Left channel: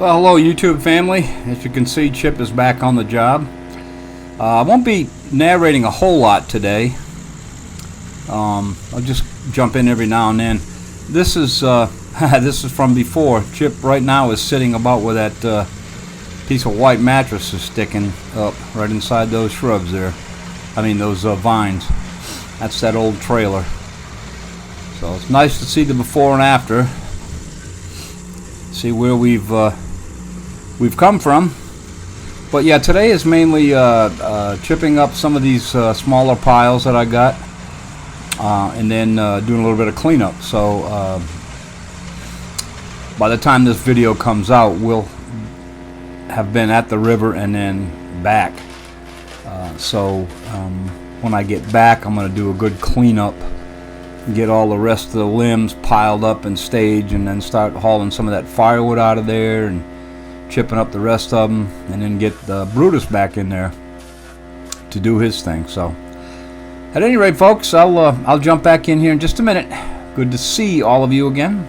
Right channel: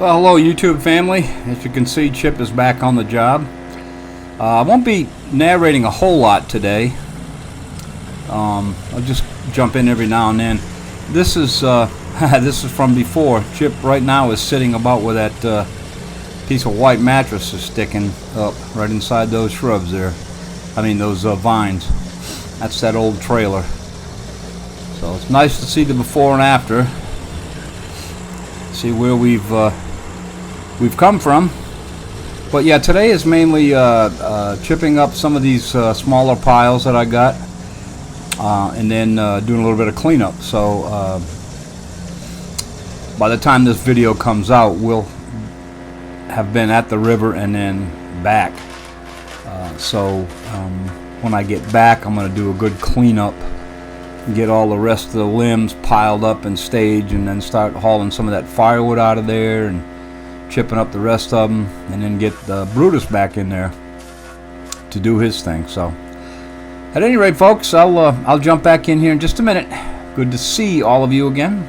Well, hello YouTube family. As you can see, Chip is back on the job. I won't be narrating a whole lot today. I'll just jump in every now and then. This is this is from before. Chip right now is sitting about where that piece of white mattress is sticking up, right inside those shrubs there. I mean those vines. That's that old trailer. So it's nice to see the before and after. See where we've come from. But yeah, today is mainly chipping up some of these smaller piles that I got, and then doing a little bit of cleanup. So by the time this video comes out, we'll have been at the river and then back. So when I get back, I'm going to do a good cleanup, get all the rest of the limbs piled up and stage, and then start hauling some of that firewood out of there and chipping up the rest of them, and then get the Brutus back in there to do his thing. So at any rate, folks, I'll jump back in here in just a minute. Good to see all of you again.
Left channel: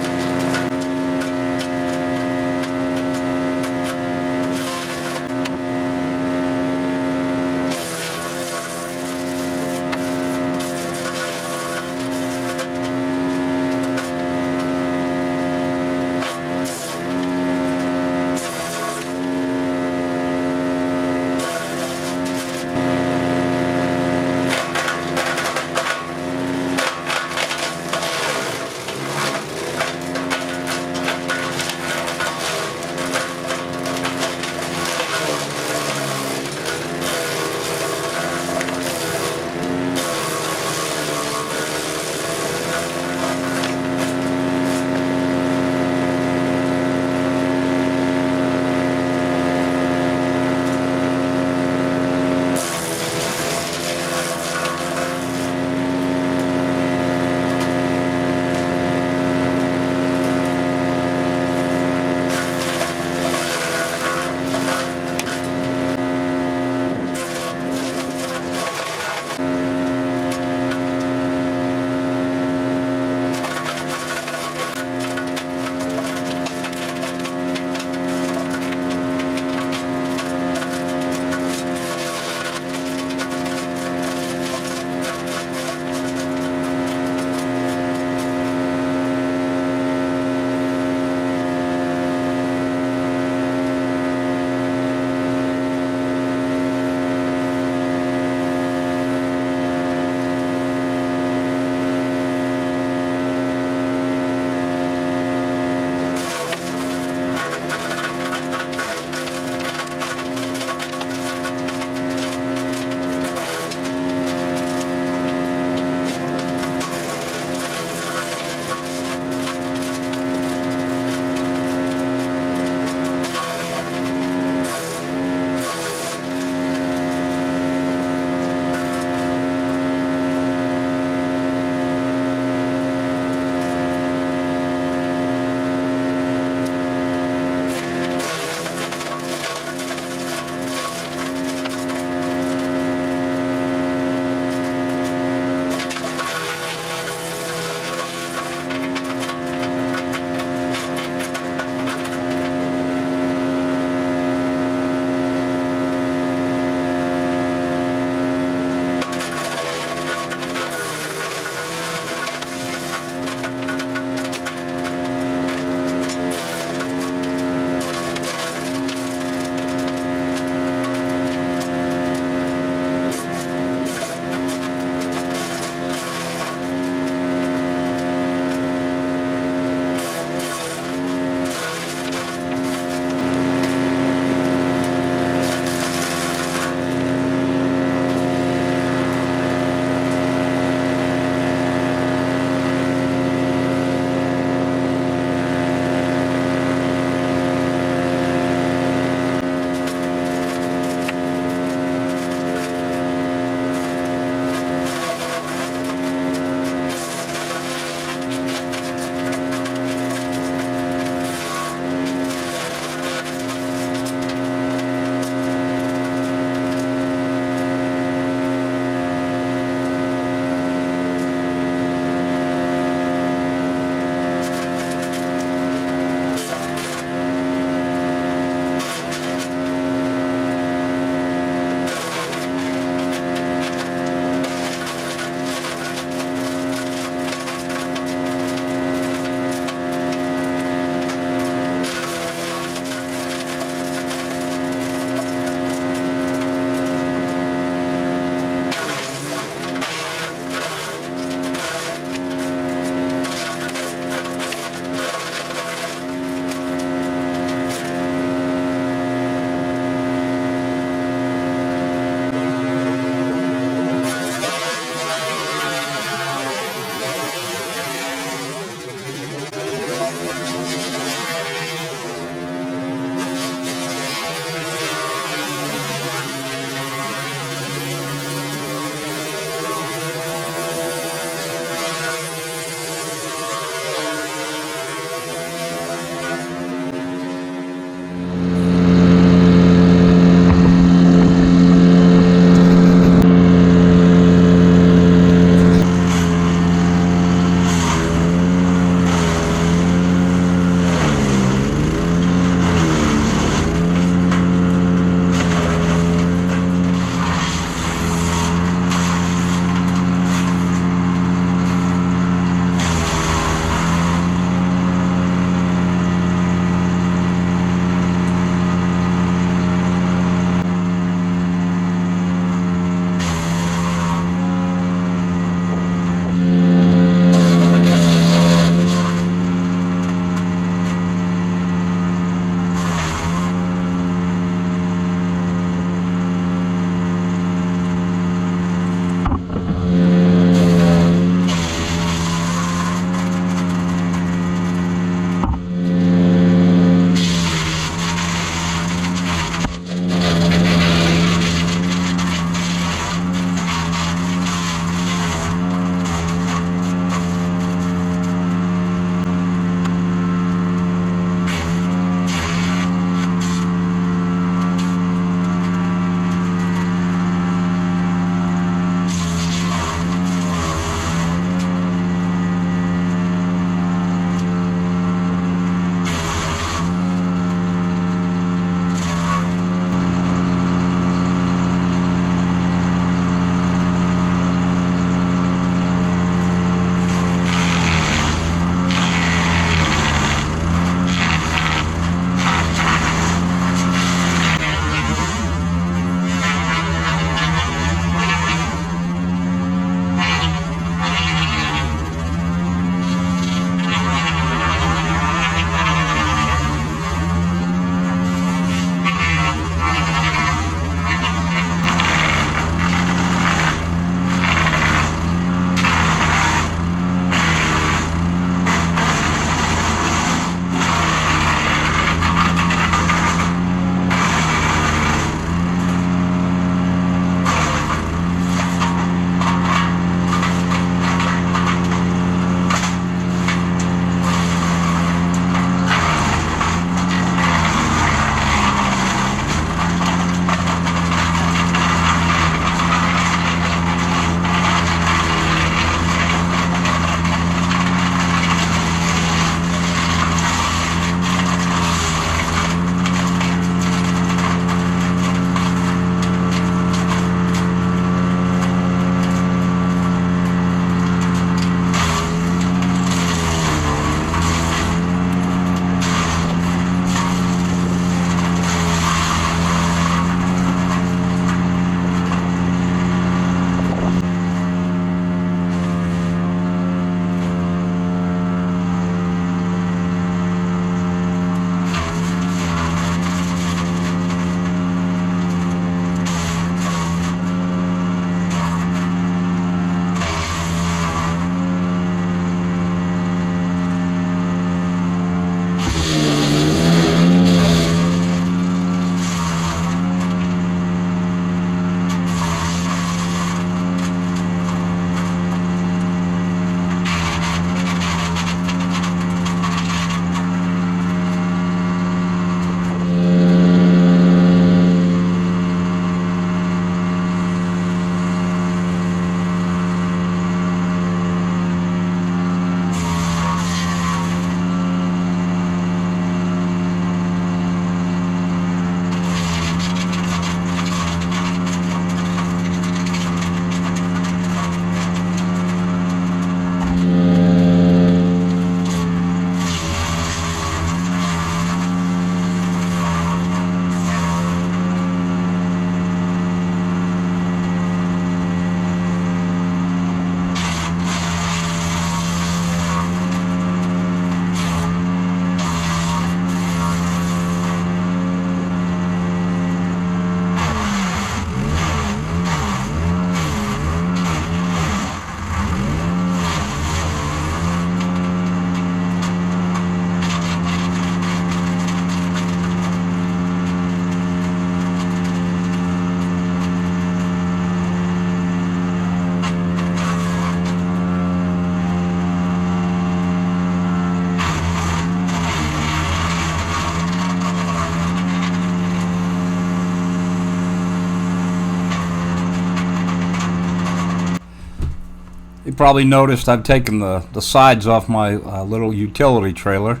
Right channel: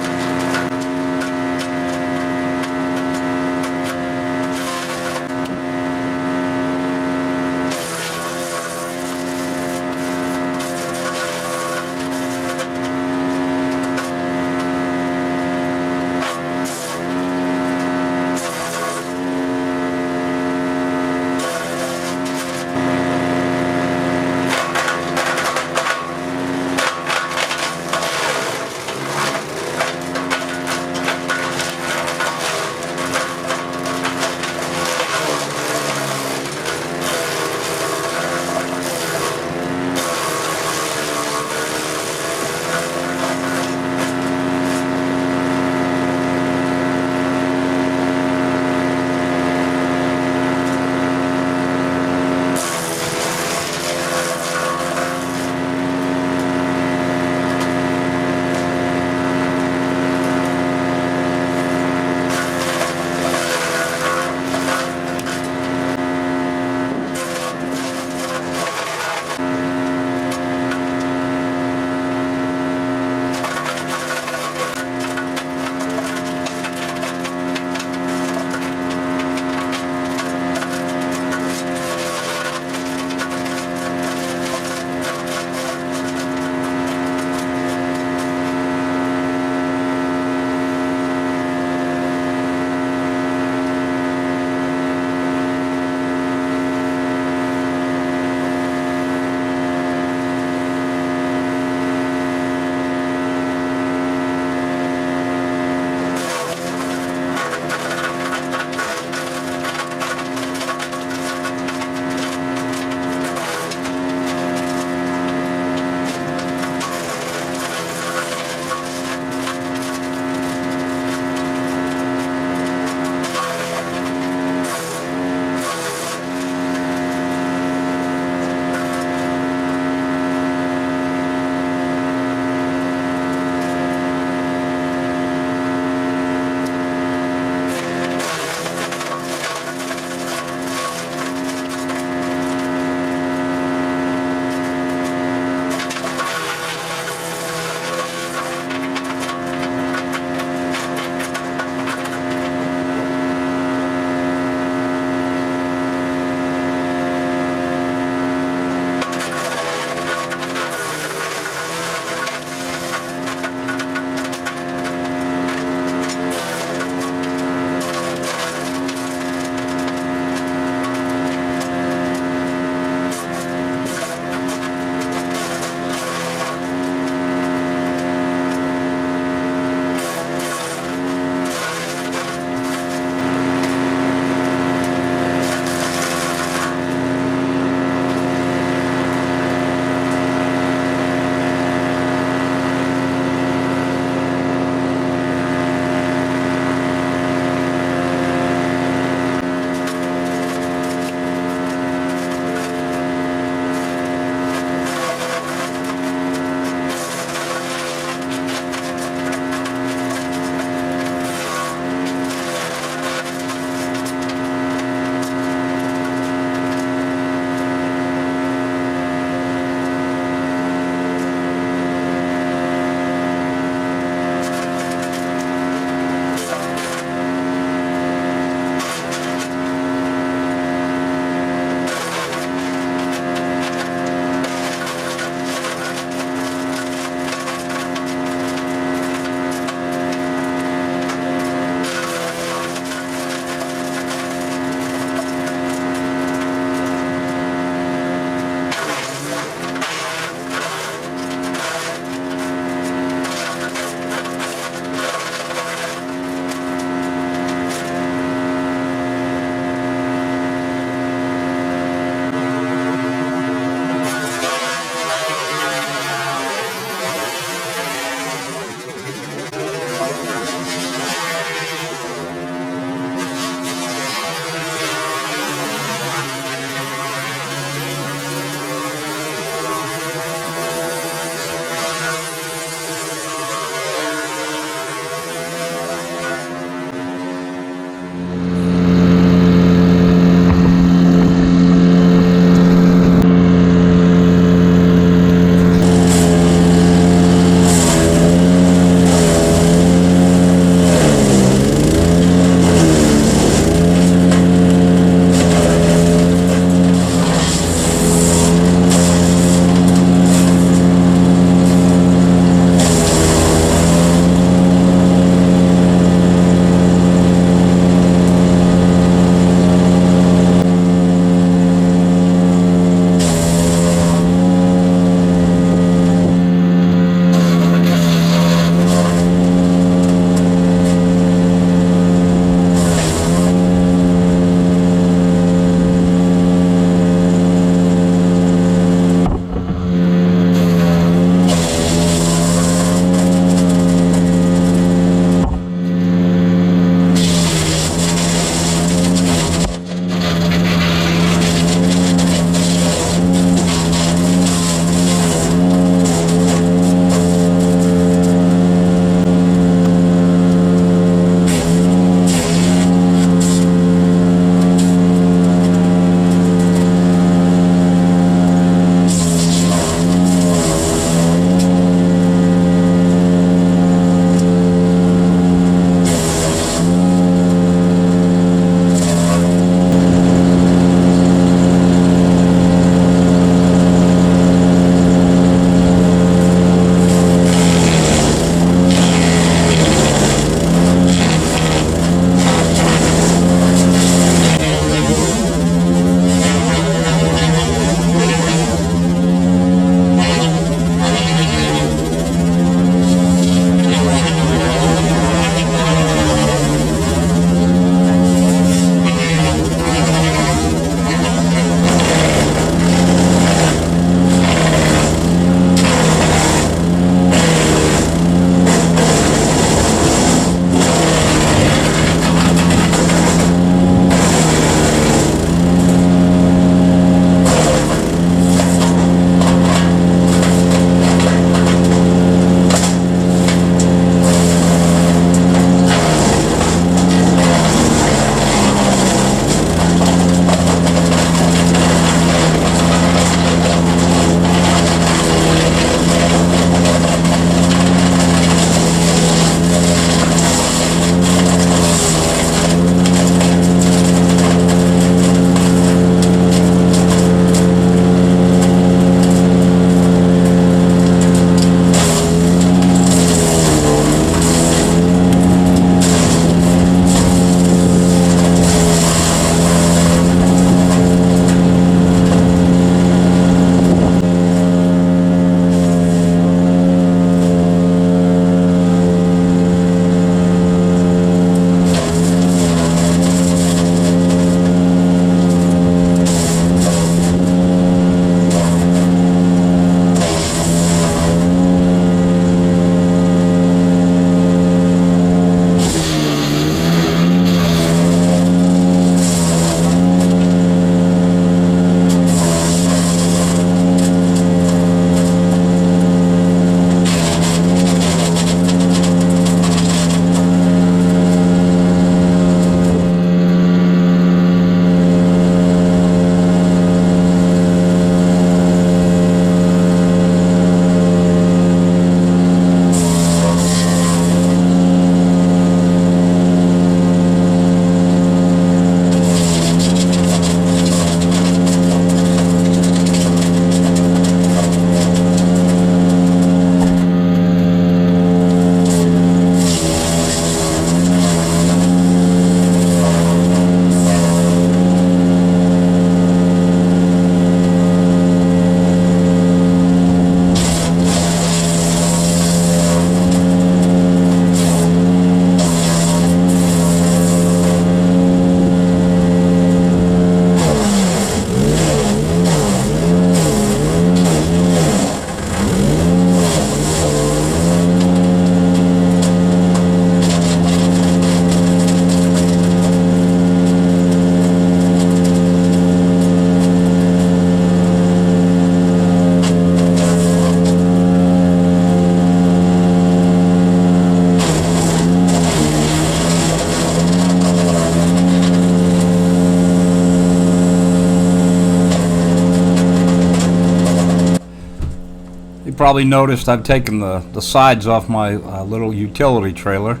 You probably noticed I've taken the sides off my little utility trailer.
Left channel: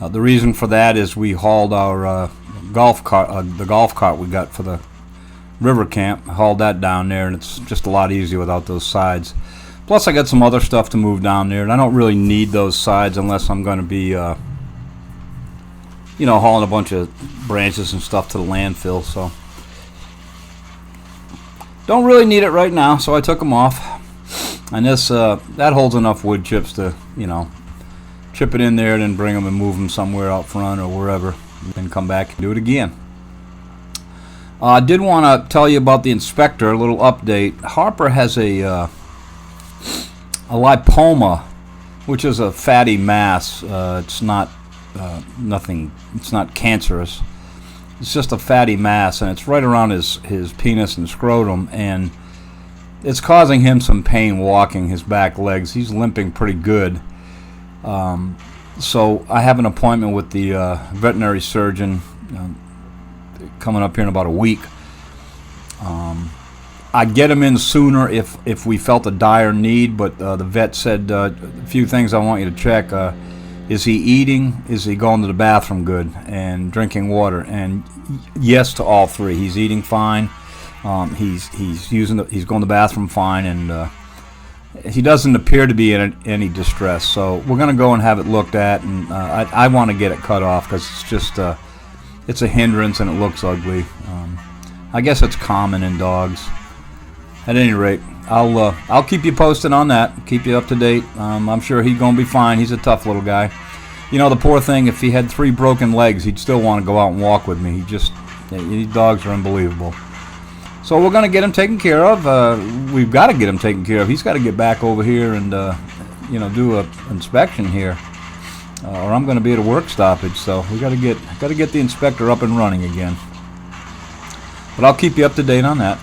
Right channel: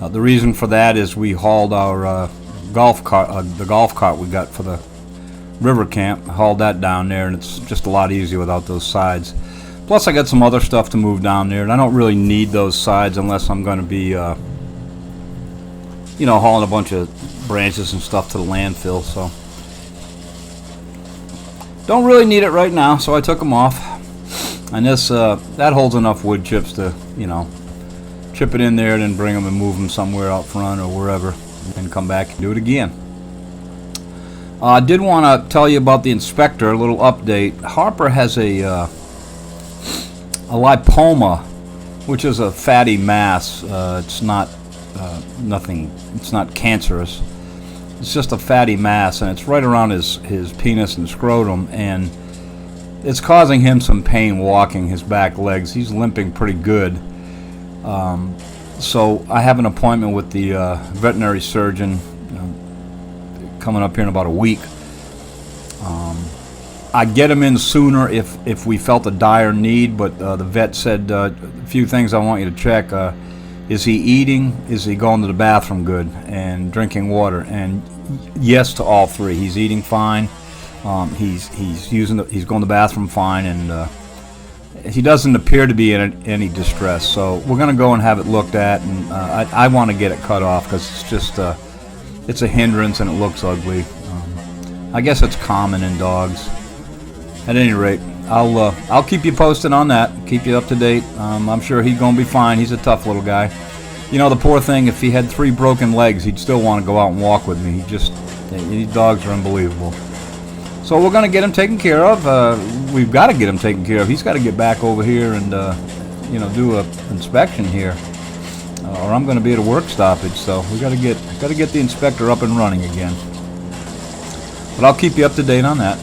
The reason for that is we hauled our golf cart, the golf cart we got for the river camp, hauled that down there, and it's just a lot easier without those sides. Plus I got some other stuff to move down there, and I don't really need those sides unless I'm going to be hauling a bunch of branches and stuff to the landfill. So don't really need it right now, so I took them off. And this that holds enough wood chips to chip it in there and then bring them and move them somewhere out front or wherever, and then come back and do it again. I did want to tell you about the inspector, a little update. Harper has a lipoma, which is a fatty mass. It's not nothing. It's not cancerous. It's just a fatty mass, and it's right around his penis and scrotum, and it's causing him some pain walking his back legs. He's limping pretty good. So I have an appointment with the veterinary surgeon coming up here in about a week. I'd get him in sooner if we felt a dire need, but the vet said a few things I want you to check. Is he eating? Is he going to the bathroom good? And drinking water? And yes to all three. He's eating fine. He's going to the bathroom fine, and he doesn't appear to be in any distress. So we're going to go and have it looked at, and I want to get it cut off because it's just it's a hindrance and it looks ugly. I guess it's common in dogs. At any rate, I'll keep you posted on that. Keep you up to date. I'm sure he's going to be fine. He's a tough little guy. The poor thing, if he had 3 broken legs, he'd still want to go out and walk with me. These dogs are unbelievable. So we're going to get him taken care of. We've got to get him taken care of. He's got to get back over here and do an inspection here, or I'm going to be at a work stoppage. So we got to get the inspector up and running again. But I'll keep you up to date on that.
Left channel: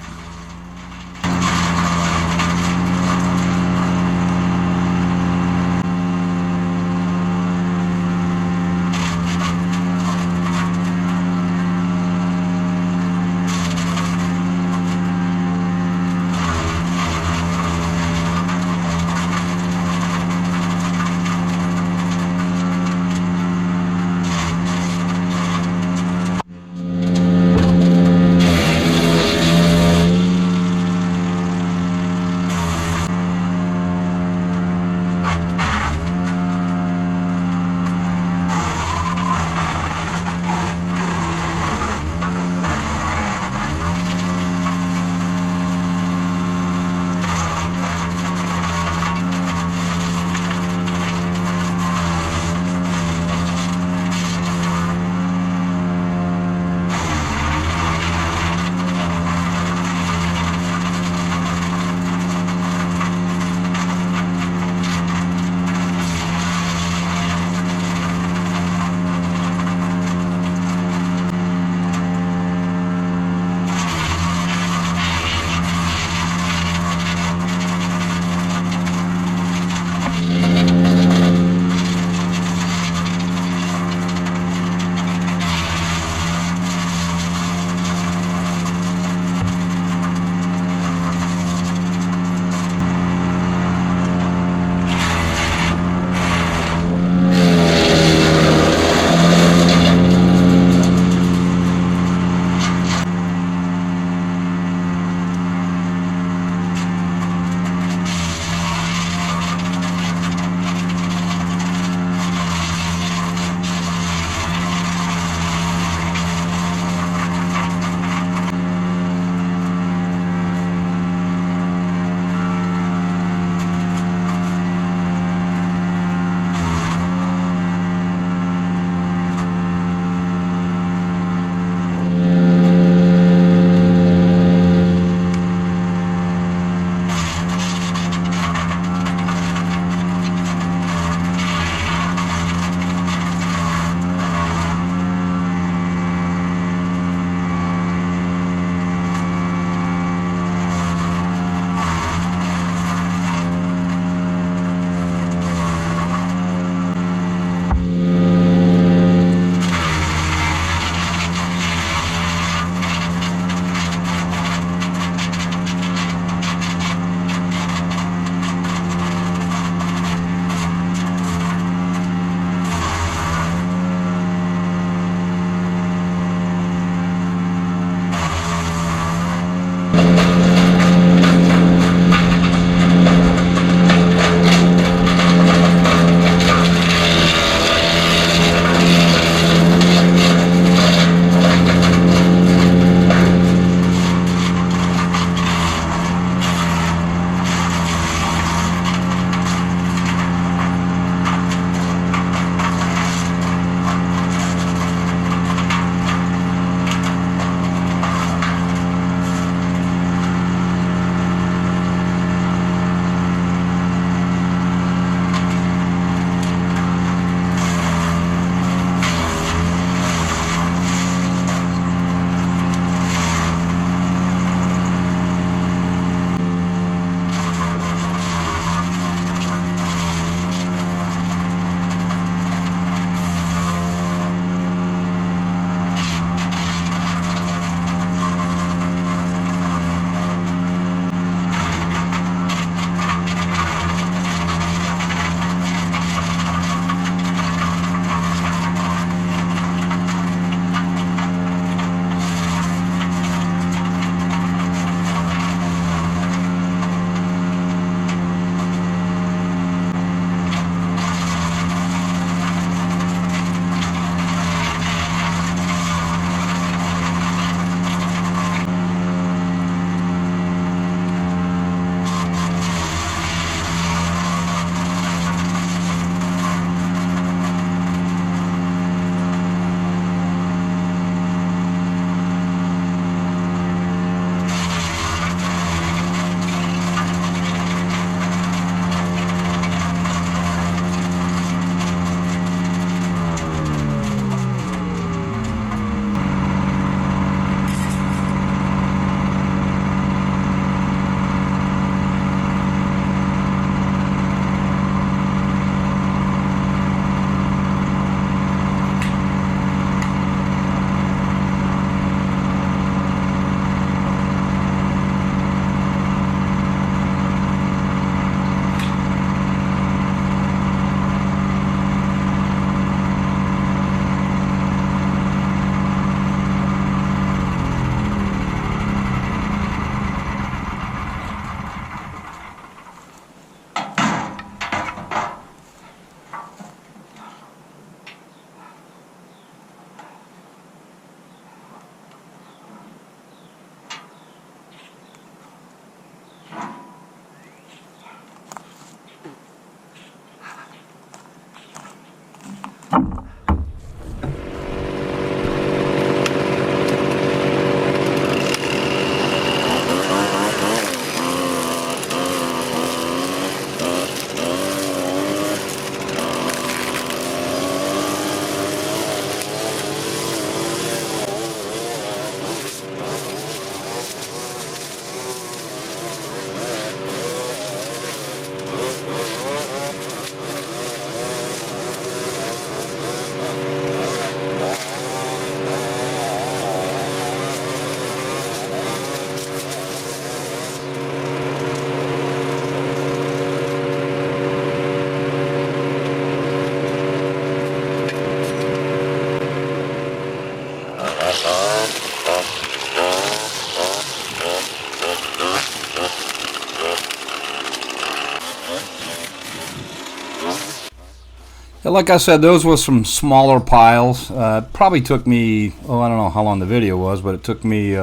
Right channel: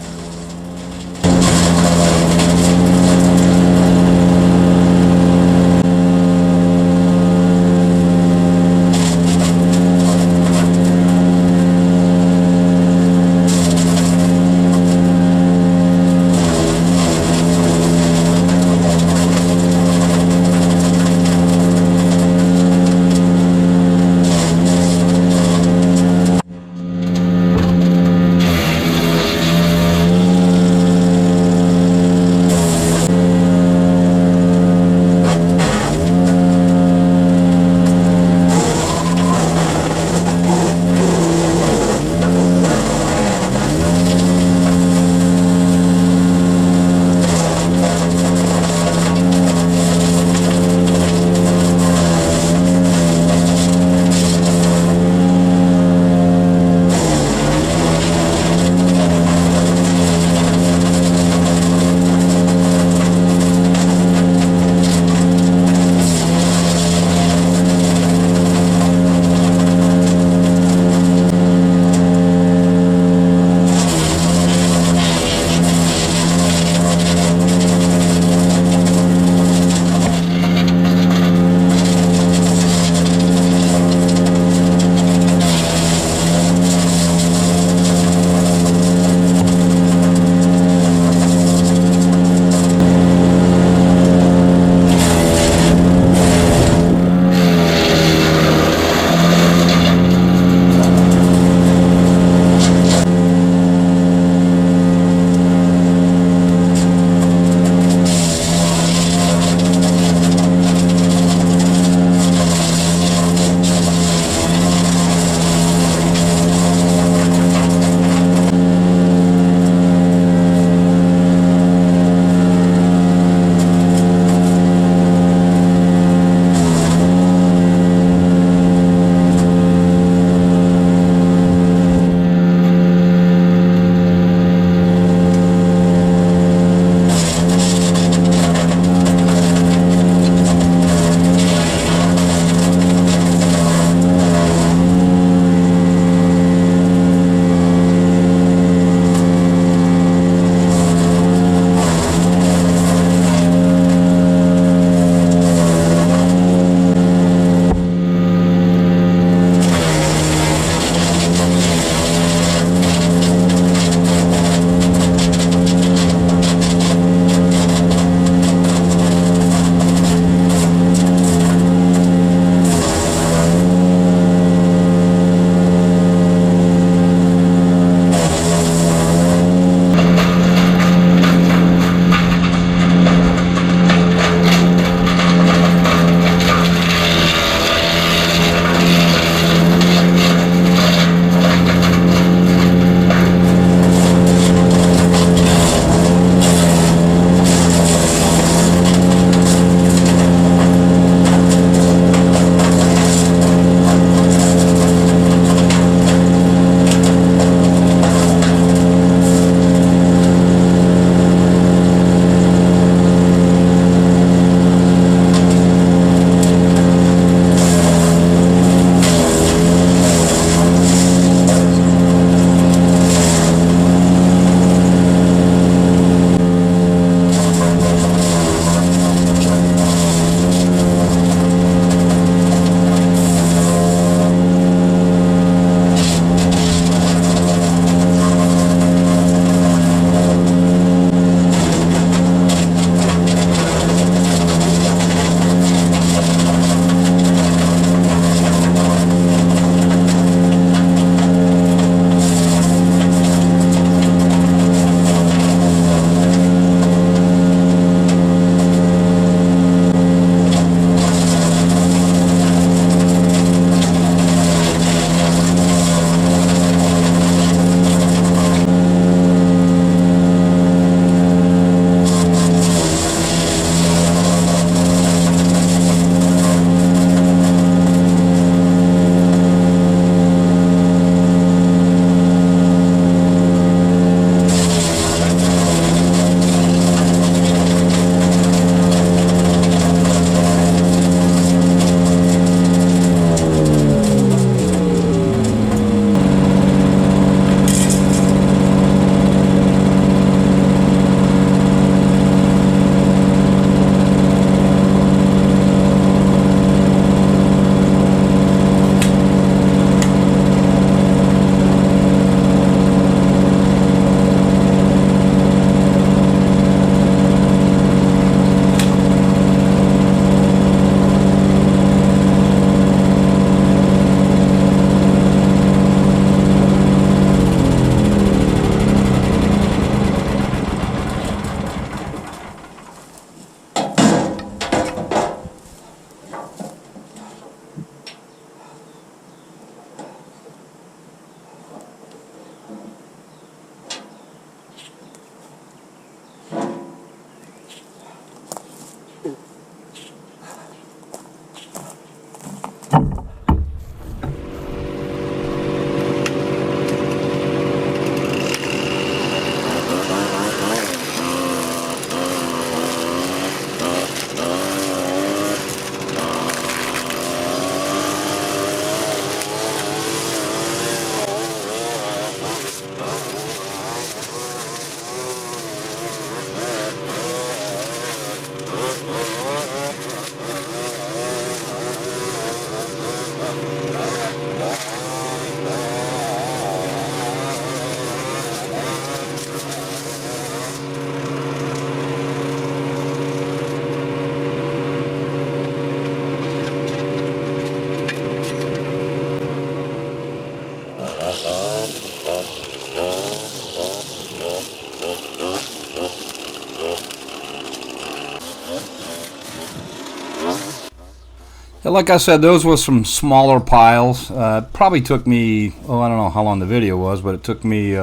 Yeah, like I said, those were some smaller piles. Probably took me, oh, I don't know how long the video was, but it took me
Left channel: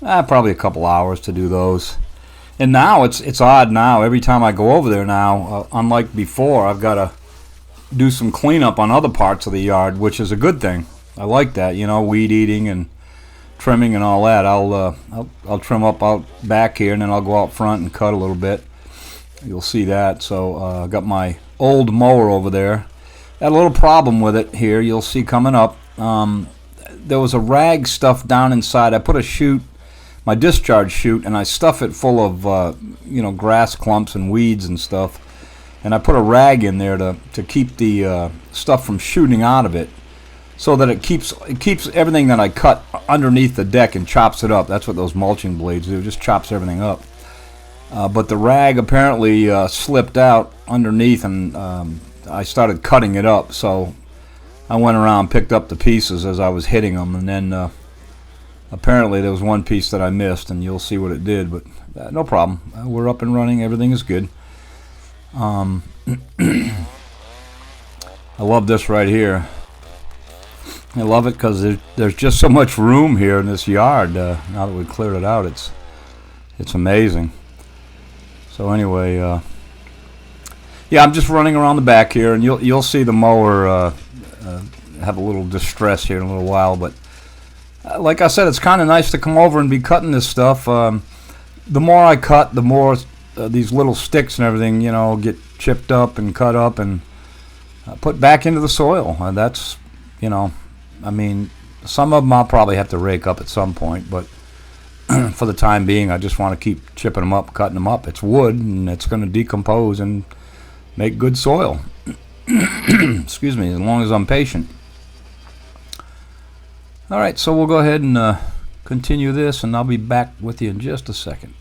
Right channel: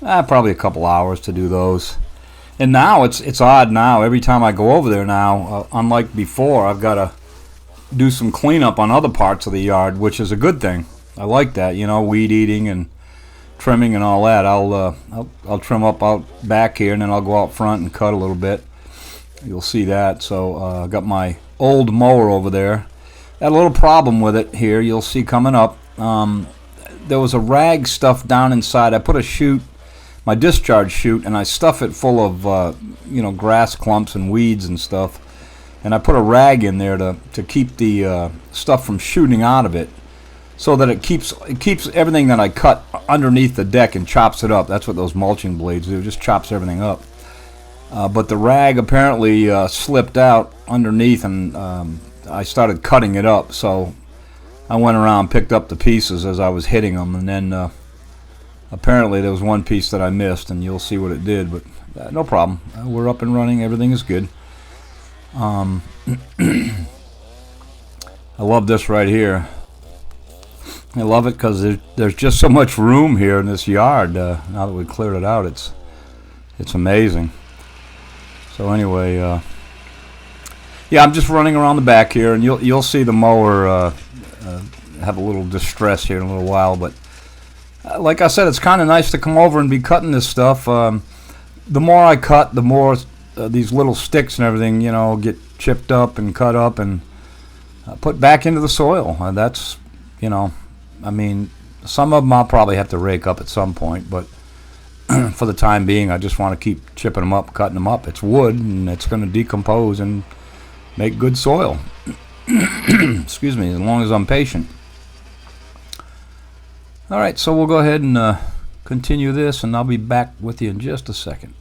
probably a couple hours to do those. And now it's odd now. Every time I go over there now, unlike before, I've got to do some cleanup on other parts of the yard, which is a good thing. I like that, you know, weed eating and trimming and all that. I'll trim up out back here, and then I'll go out front and cut a little bit. You'll see that. So I got my old mower over there. Had a little problem with it here. You'll see coming up. There was a rag stuffed down inside. I put a chute, my discharge chute, and I stuff it full of grass clumps and weeds and stuff. And I put a rag in there to keep the stuff from shooting out of it, so that it keeps everything that I cut underneath the deck and chops it up. That's what those mulching blades do. It just chops everything up. But the rag apparently slipped out underneath, and I started cutting it up. So I went around, picked up the pieces as I was hitting them, and then apparently there was one piece that I missed, and you'll see what it did. But no problem. We're up and running. Everything is good. I love this right here. I love it because there's just so much room here in this yard. Now that we cleared it out, it's amazing. So anyway, yeah, I'm just running around the back here, and you'll see the mower have a little distress here in a little while. But like I said, it's kind of nice to come over and be cutting this stuff. The more I cut, the more these little sticks and everything, get chipped up and cut up and put back into the soil. And that's, I mean, some of them I'll probably have to rake up at some point, but for the time being, I just want to keep chipping them up, cutting them up. It's wood, and it's going to decompose and make good soil. Excuse me, as long as I'm patient. All right, so we'll go ahead and continue this, and I'll be back with you in just a second.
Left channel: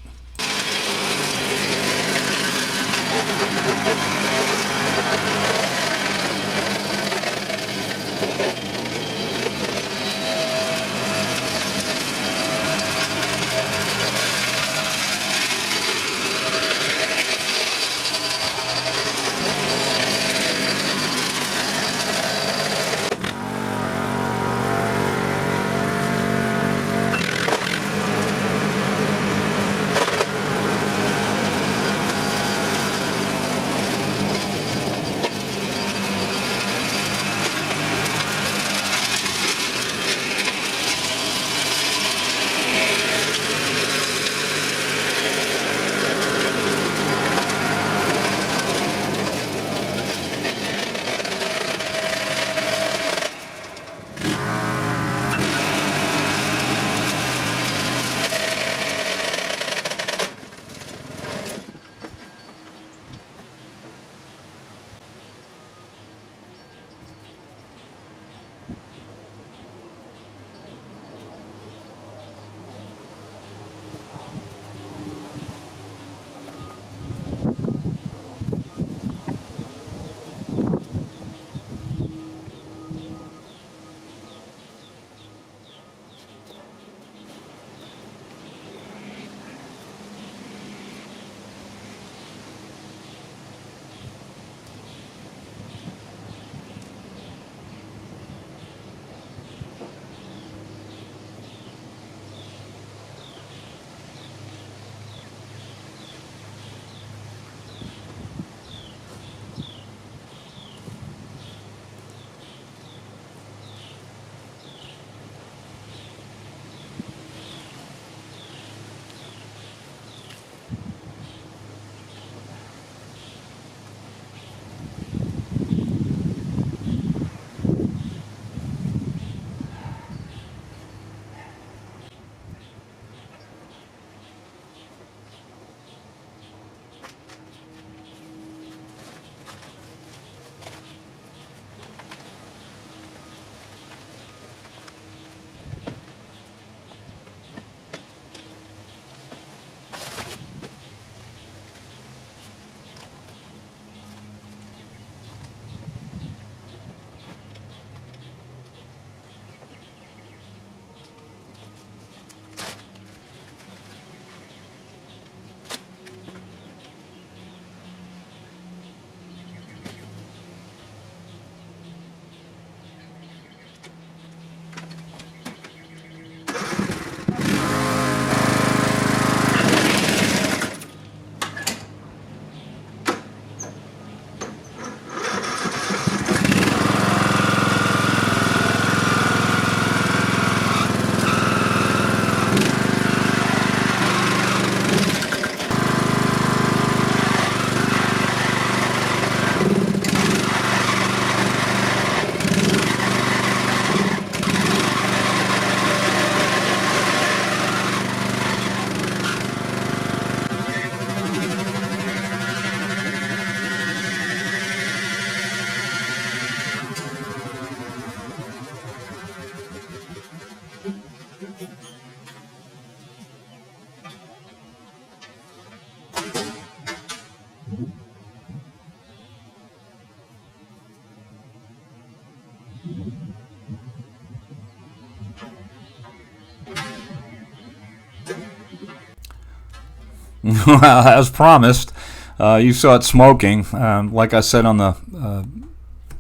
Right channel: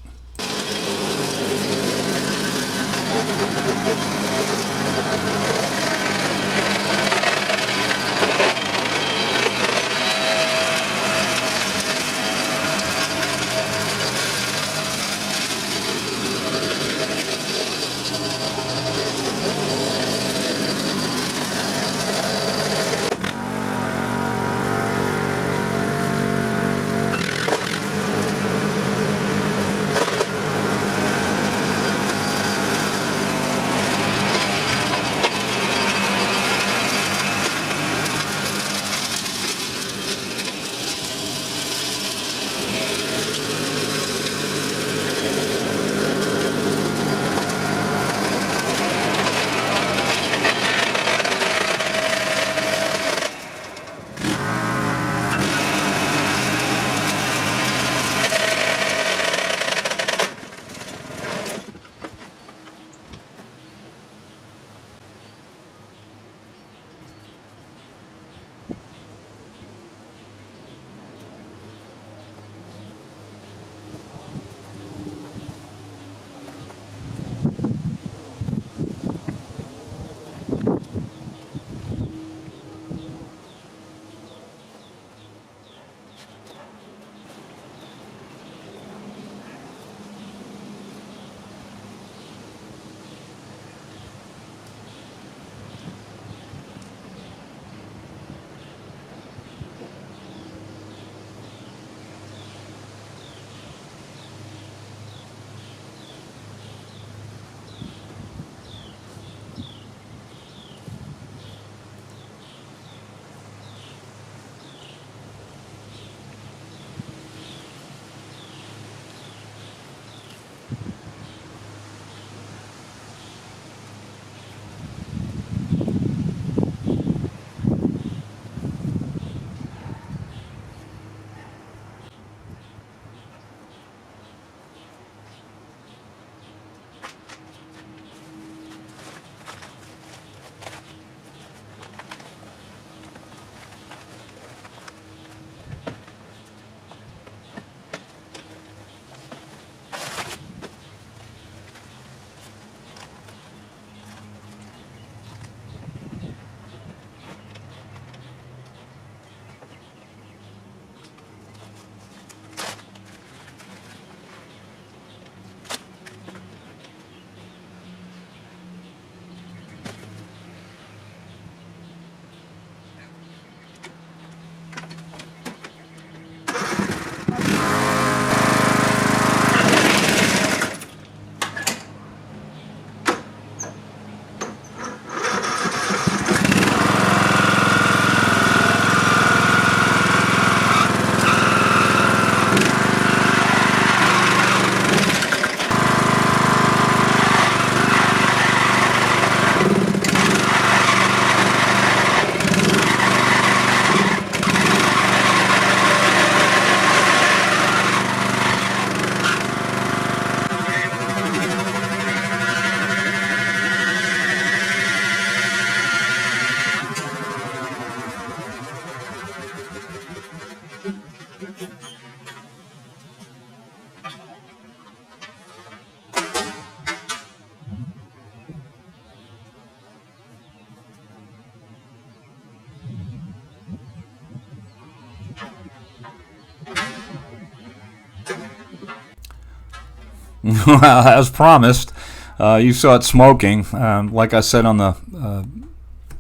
Well, as promised, you saw it smoking. Like I said on the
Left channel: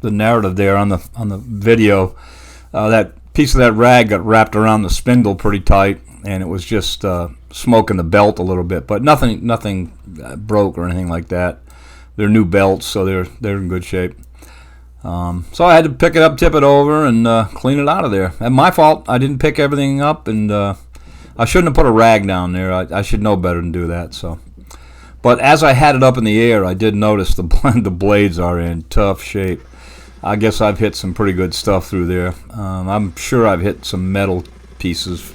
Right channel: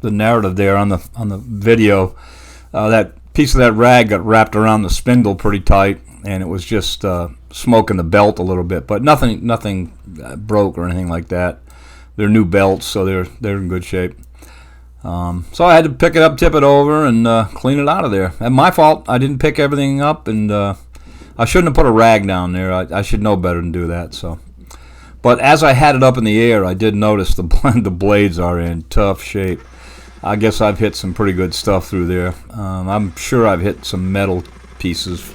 narrative there on the video, that piece of that rag got wrapped around the spindle pretty tight, and it was just smoking the belt a little bit. But nothing broke or anything like that. They're new belts, so they're in good shape. So I had to pick it up, tip it over, and clean it out of there. And my fault. I didn't pick everything up, and I shouldn't have put a rag down there. I should know better than do that. So, but as I had it up in the air, I did notice the blades are in tough shape. I guess I've hit some pretty good stuff through there. I'm sure I've hit some metal pieces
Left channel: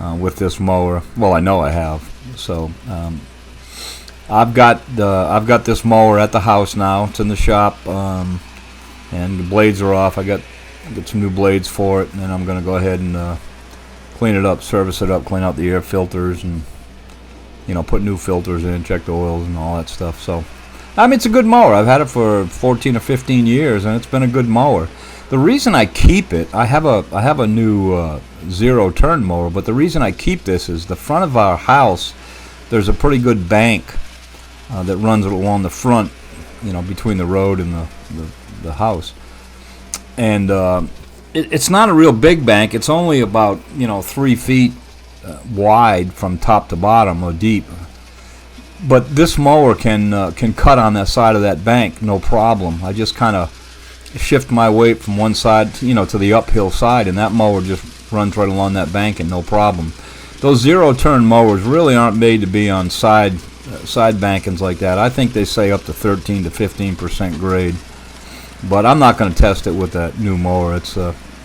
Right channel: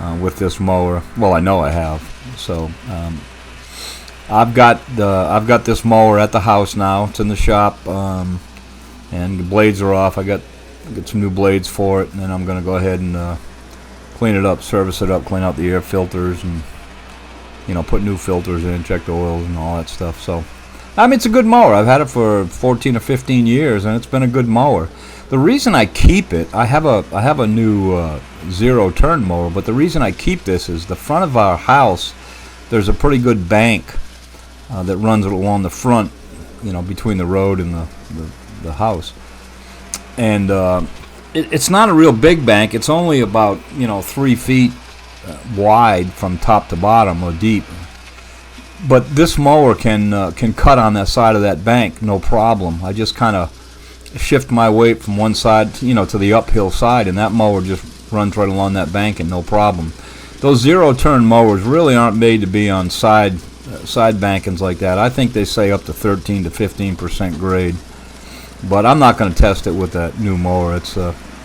with this mower. Well, I know I have. So I've got this mower at the house now. It's in the shop, and the blades are off. I got some new blades for it, and then I'm going to go ahead and clean it up, service it up, clean out the air filters, and put new filters in, check the oils and all that stuff. So I mean, it's a good mower. I've had it for 14 or 15 years, and it's been a good mower. The reason I keep it, I have a new zero turn mower, but the reason I keep this is the front of our house. There's a pretty good bank that runs along the front, between the road and the house, and it's not a real big bank. It's only about 3 feet wide from top to bottom or deep. But this mower can cut on that side of that bank, no problem. I just kind of shift my weight from one side, to the uphill side, and that mower just runs right along that bank and no problem. Those zero-turn mowers really aren't made to be on side bankings like that. I think they say up to 13 to 15% grade, but I'm not going to test it with that new mower. It's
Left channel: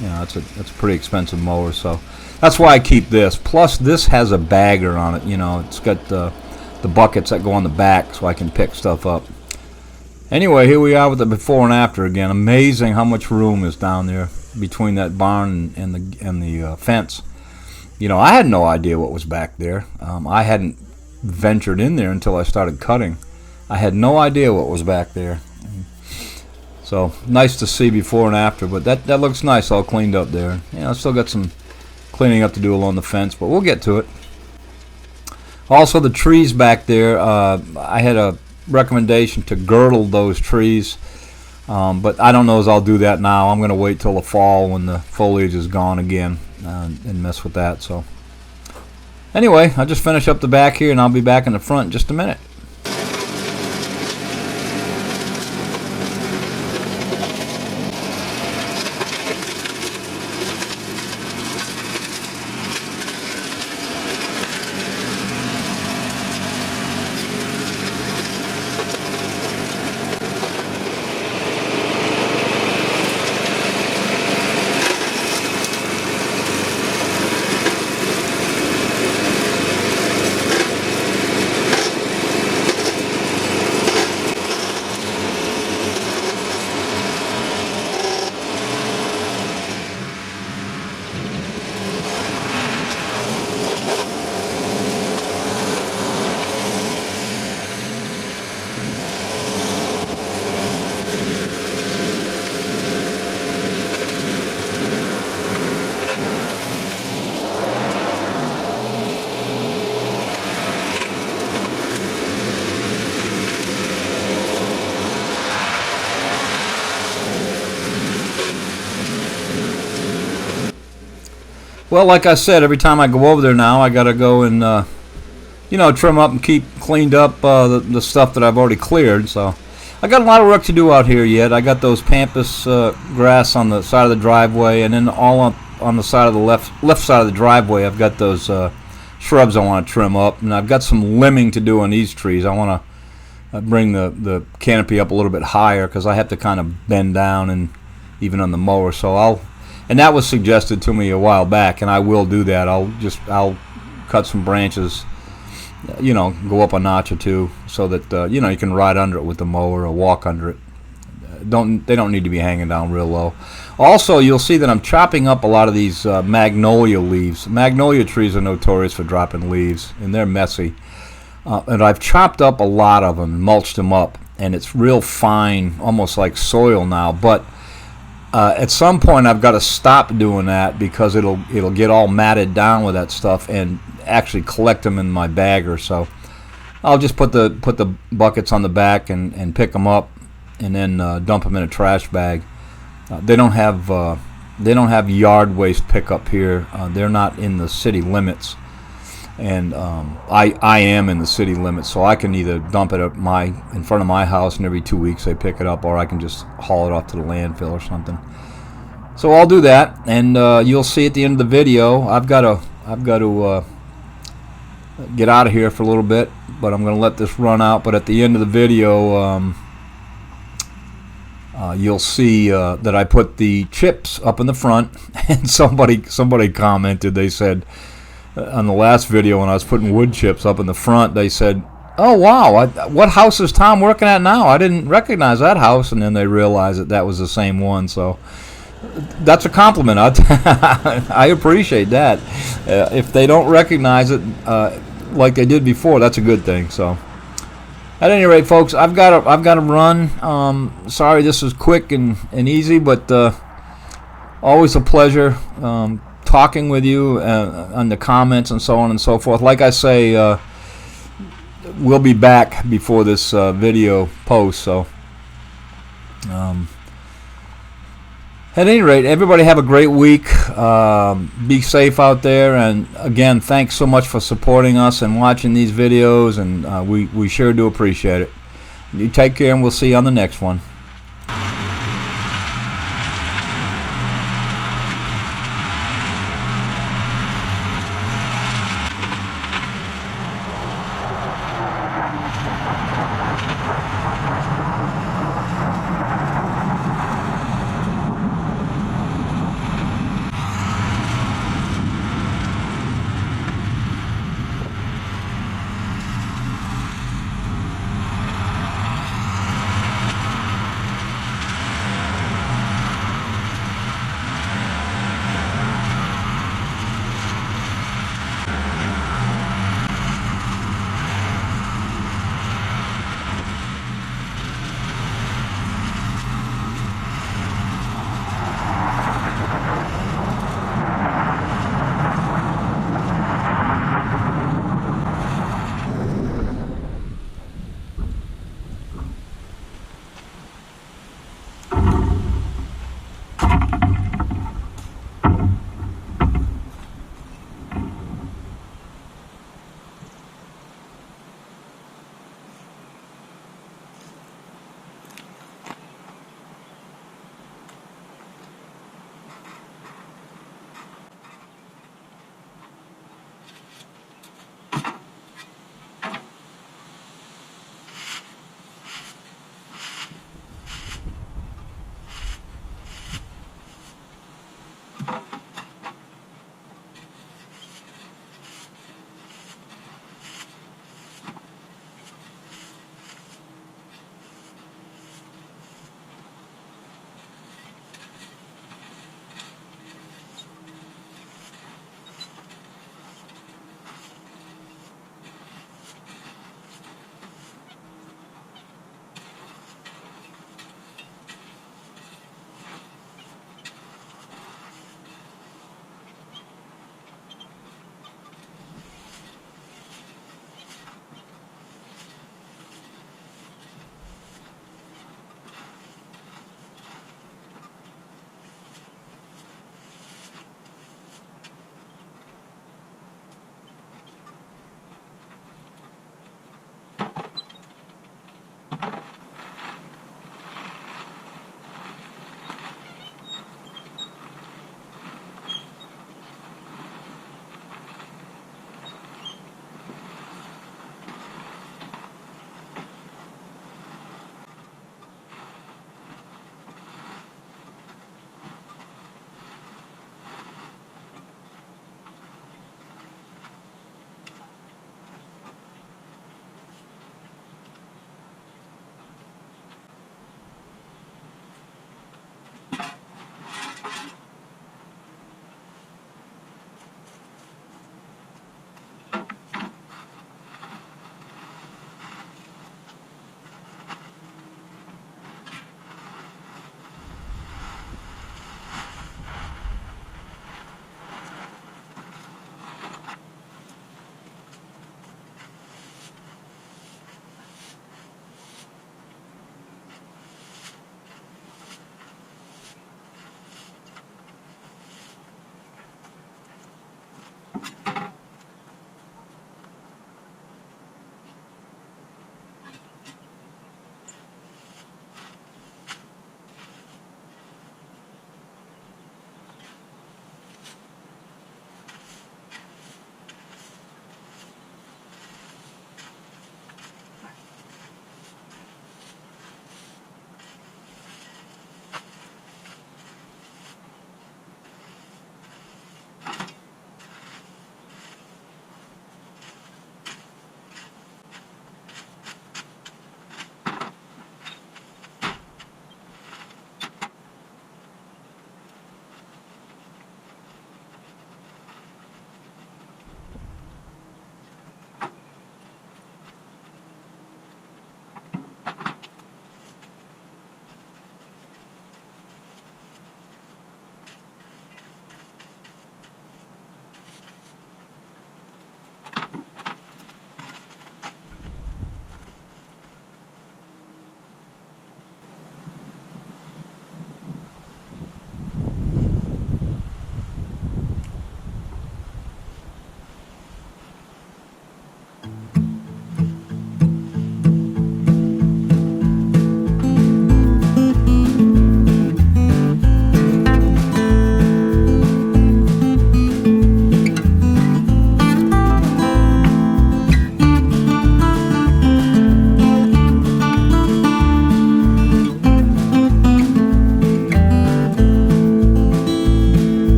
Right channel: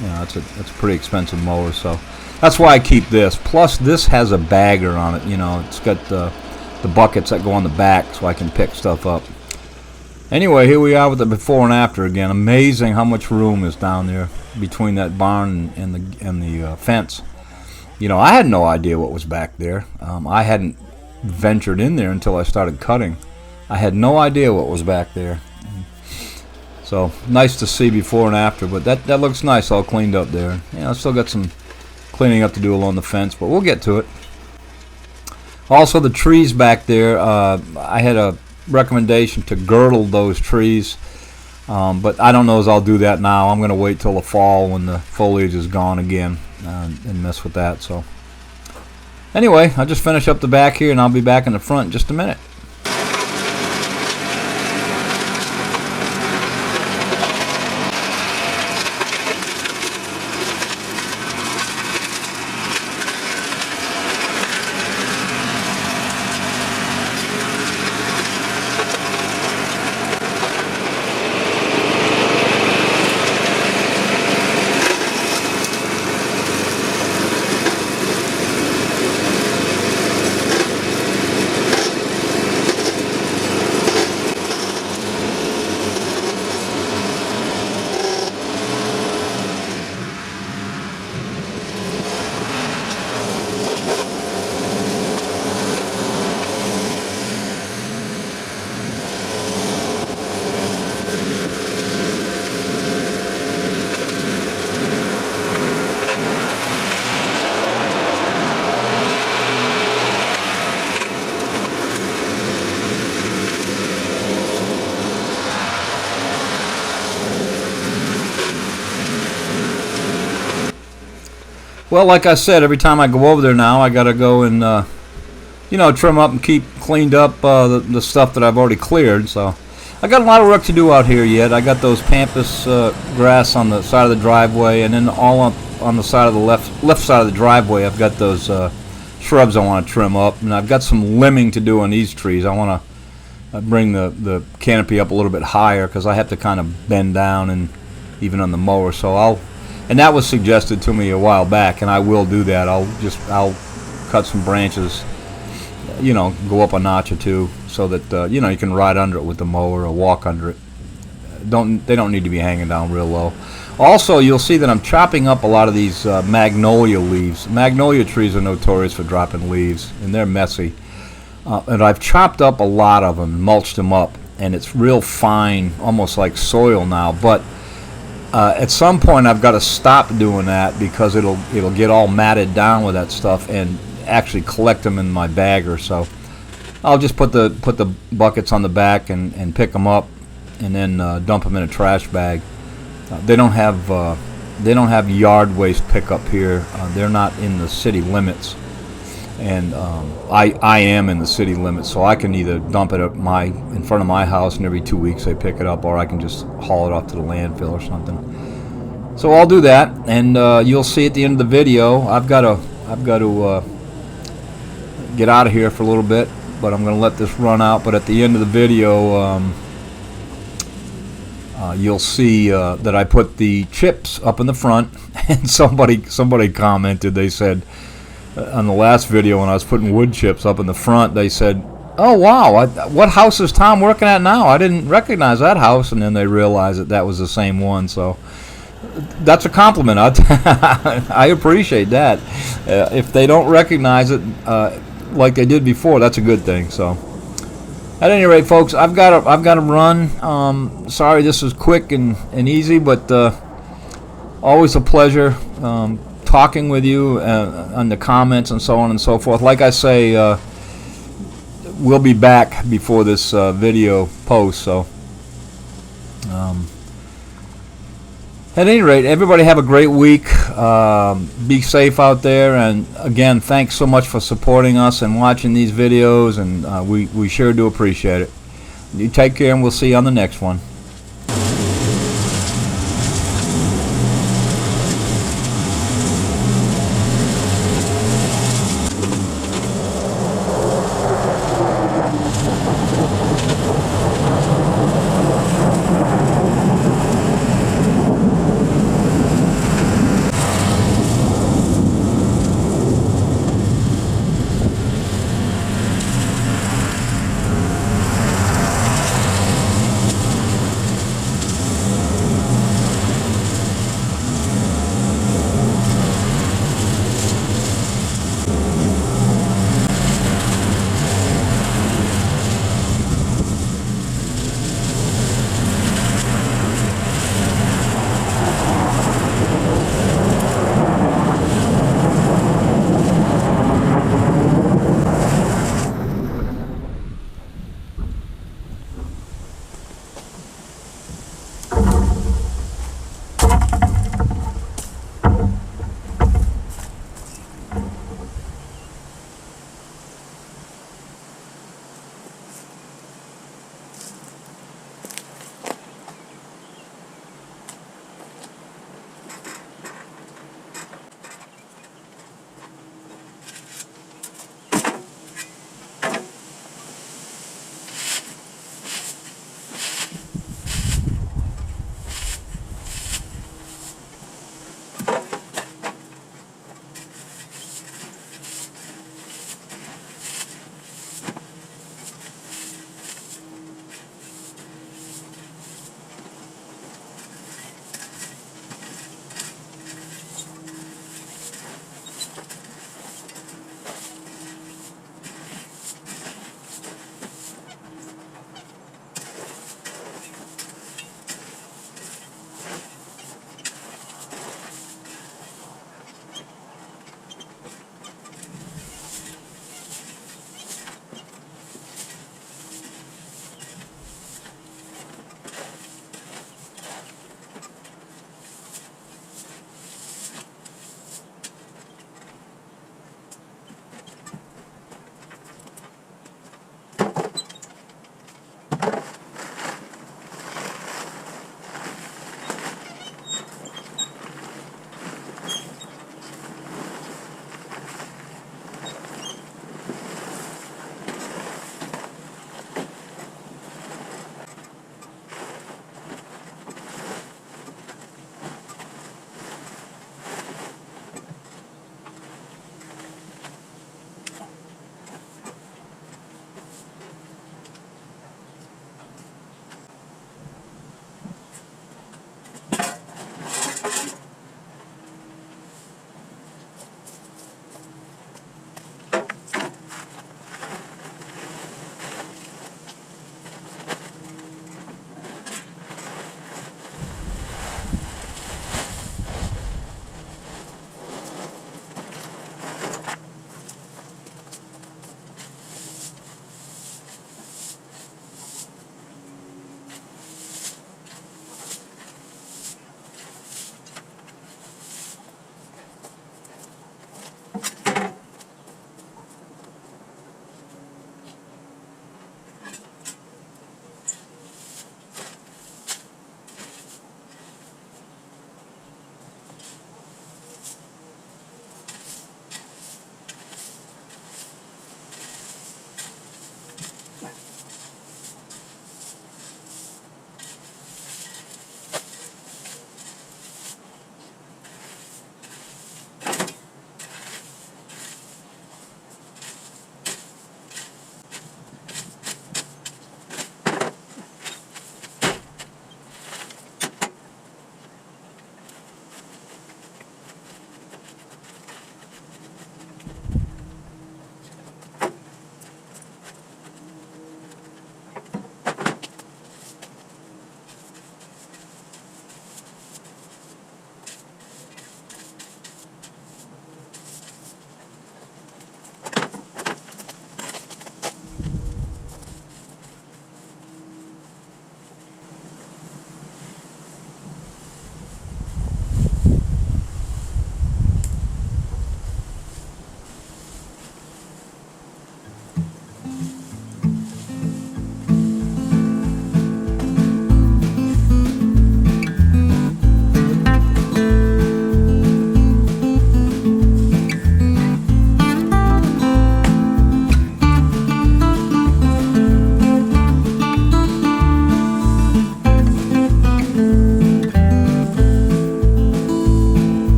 it's a pretty expensive mower, so that's why I keep this. Plus, this has a bagger on it. It's got the buckets that go on the back, so I can pick stuff up. Anyway, here we are with the before and after again. Amazing how much room is down there between that barn and the fence. I had no idea what was back there. I hadn't ventured in there until I started cutting. I had no idea what was back there. So nice to see before and after, but that looks nice, all cleaned up there. I still got some cleaning up to do along the fence, but we'll get to it. Also, the trees back there, I had a recommendation to girdle those trees, but I don't know as I'll do that now. I'm going to wait till the fall when the foliage is gone again and mess with that. So anyway, I'll just finish up the back here, and I'll be back in the front in just a minute. Well, like I said, every time I go over there now, I got to go and, trim up and keep cleaned up the stuff that I've already cleared. So I got a lot of work to do out here yet. I got those pampas grass on the side of the driveway, and then all up on the side of the left side of the driveway, I've got those shrubs I want to trim up, and I've got some limbing to do on these trees. I want to bring the canopy up a little bit higher because I have to kind of bend down and even on the mower. So and that was suggested to me a while back, and I will do that. I'll cut some branches, go up a notch or two, so that you can ride under it with the mower or walk under it. They don't need to be hanging down real low. Also, you'll see that I'm chopping up a lot of these magnolia leaves. Magnolia trees are notorious for dropping leaves, and they're messy. and I've chopped up a lot of them, mulched them up, and it's real fine, almost like soil now. But at some point, I've got to stop doing that because it'll get all matted down with that stuff and actually collect them in my bagger. So I'll just put the buckets on the back and pick them up, and then dump them in a trash bag. They don't have yard waste pickup here. They're not in the city limits. And I am in the city limits, so I can either dump it in front of my house, and every 2 weeks they pick it up, or I can just haul it off to the landfill or something. So I'll do that, and you'll see at the end of the video. I've got to get out of here for a little bit, but I'm going to let this run out. But at the end of the video, you'll see that I put the chips up in the front, and somebody commented. They said, on the last video when I was putting wood chips up in the front, they said, "Oh wow, what house is Tom working at now? I didn't recognize that house." And then they realized that was the same one. So that's a compliment. I appreciate that. If they don't recognize it like they did before, that's a good thing. So at any rate, folks, I've got to run. Sorry this was quick and easy, but always a pleasure talking with you on the comments and so on and so forth. Like I say, we'll be back before this video posts. So at any rate, everybody have a great week. Be safe out there, and again, thanks so much for supporting us and watching these videos, and we sure do appreciate it. You take care, and we'll see you on the next one.